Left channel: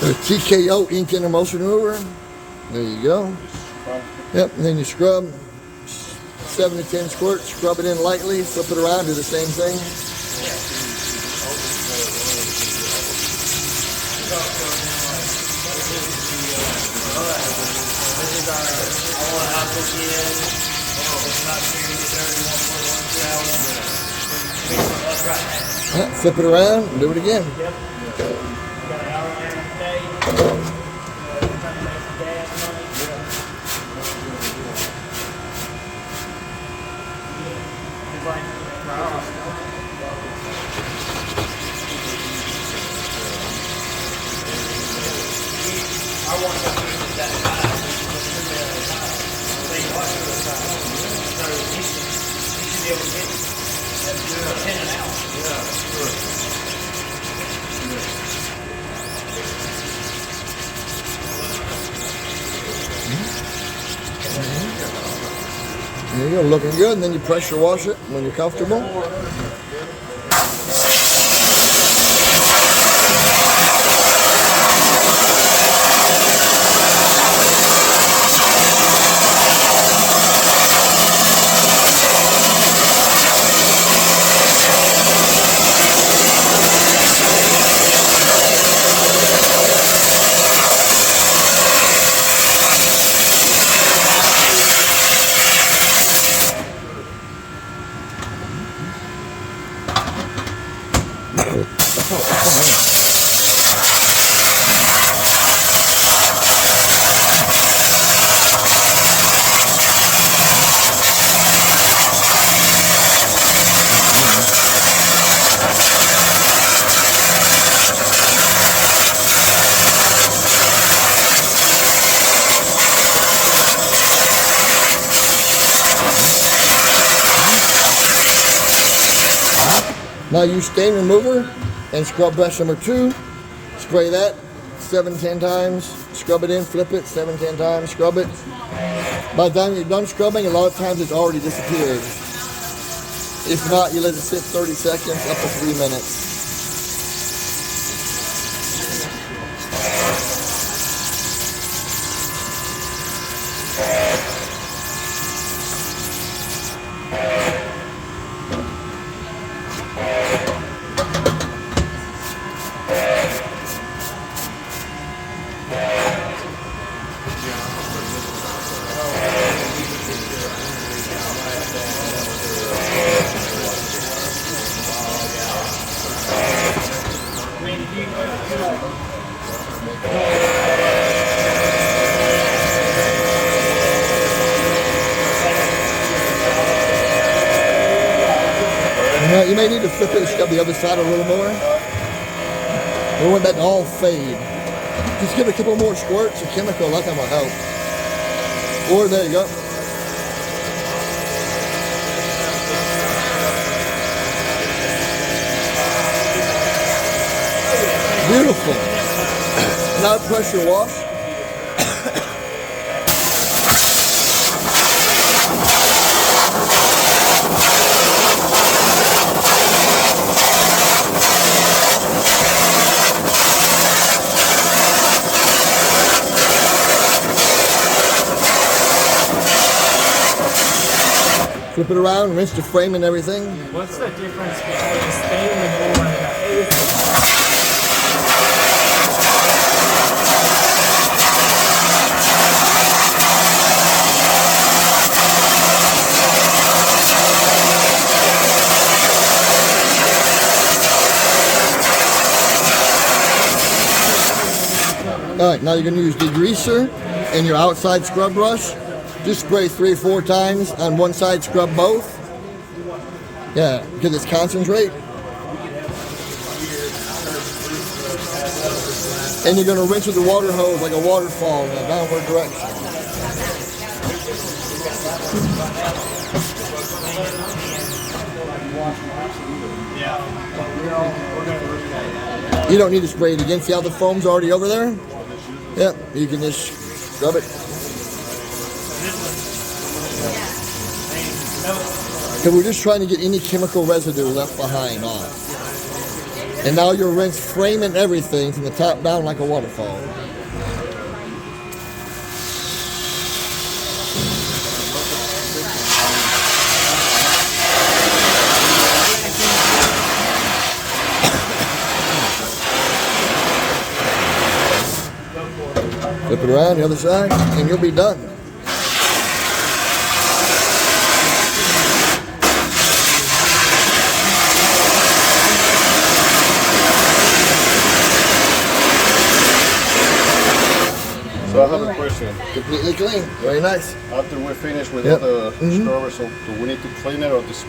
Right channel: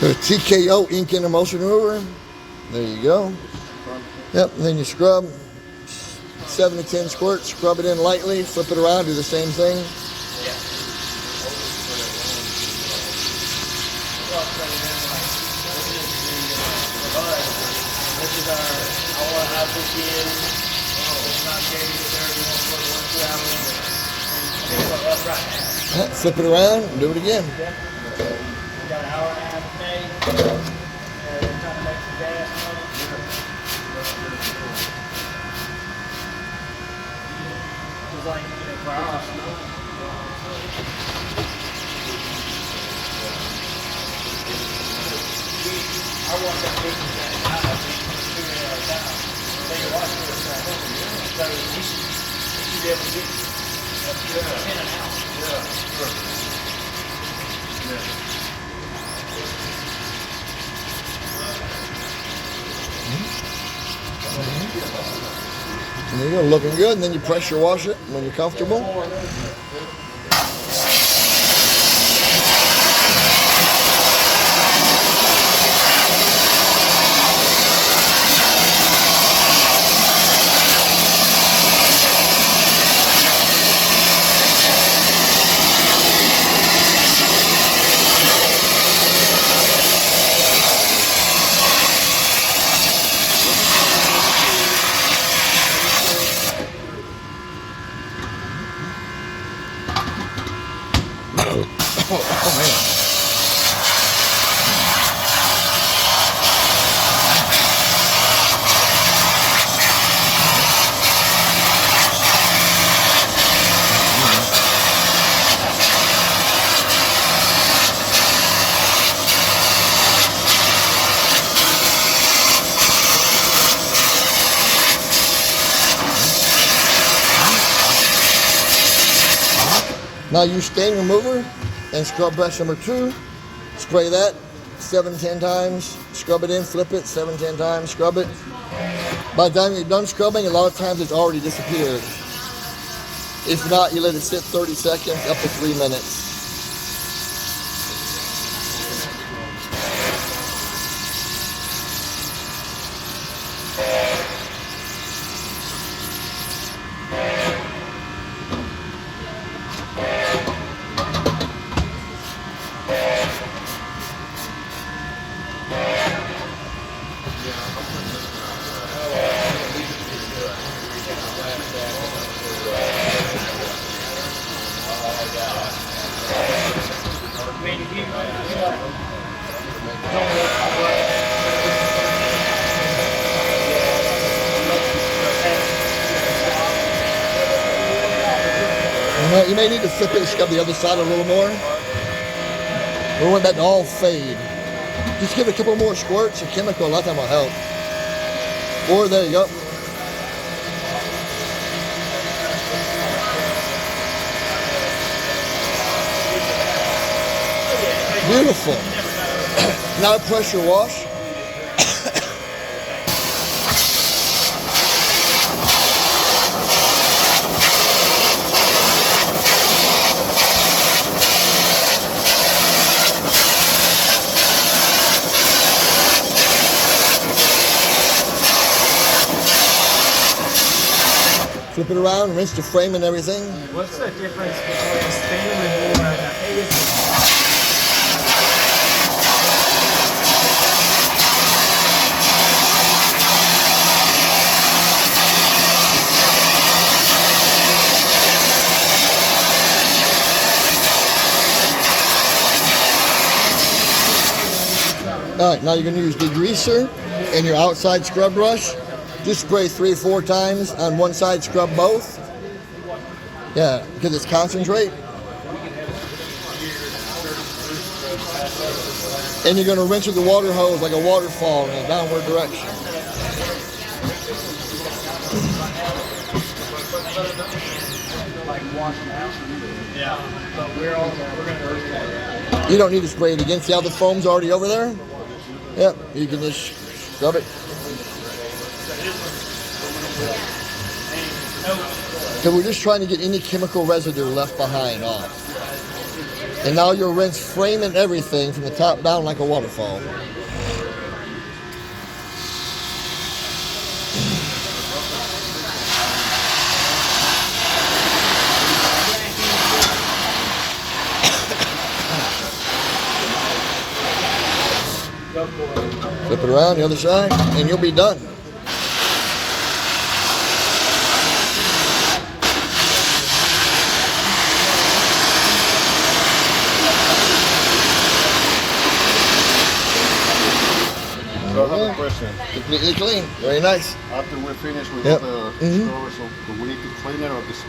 So TKO ink and emulsion remover. There you go. Yep, and then you scrub 7 to 10 squirts, scrub it in lightly, flip it around, do the same thing. This is our all average in. It's not very good. Flip it around and do it again. Yep. We got an hour and a half a day. We're trying to make some gas money. It's like, wow. I want that person that high. They watch it all the time. So you should be able to get 10 an hour. Yeah, sure. There you go, looking good, and then you pressure wash it when you're comfortable. Oh man. Now use stain remover and scrub brush number 2. Spray that 7-10 times, scrub it in, flip it 7-10 times, scrub it. By the time you're done scrubbing, a lot of times it's already disappeared. If not, you let it sit 30 seconds up to 3 minutes. You may need to flip it and scrub the other side a little more. We want that to all fade. Just give it a couple more squirts of chemical, a lot of time will help. Or there you go. Beautiful. Now pressure wash. Flip it around, rinse the frame and everything. What's the difference between stain remover and a Alright, now you're going to use degreaser and your outside scrub brush. Just spray 3 or 4 times on one side, scrub both. Yeah, because it's concentrate. And you're going to rinse with the water hose like a waterfall in a downward direction. You don't need to spray it again. See how the foam's already over there? Yep, you can just scrub it. So we're just trying to get any chemical residue left behind off. And now you'll rinse frame and everything from the top down like a waterfall. Flip it around the other side, and you'll be done. So I have a question. Completely clean. Very nice. After we're finished with Yep. the scrubber, so do we need to clean it or just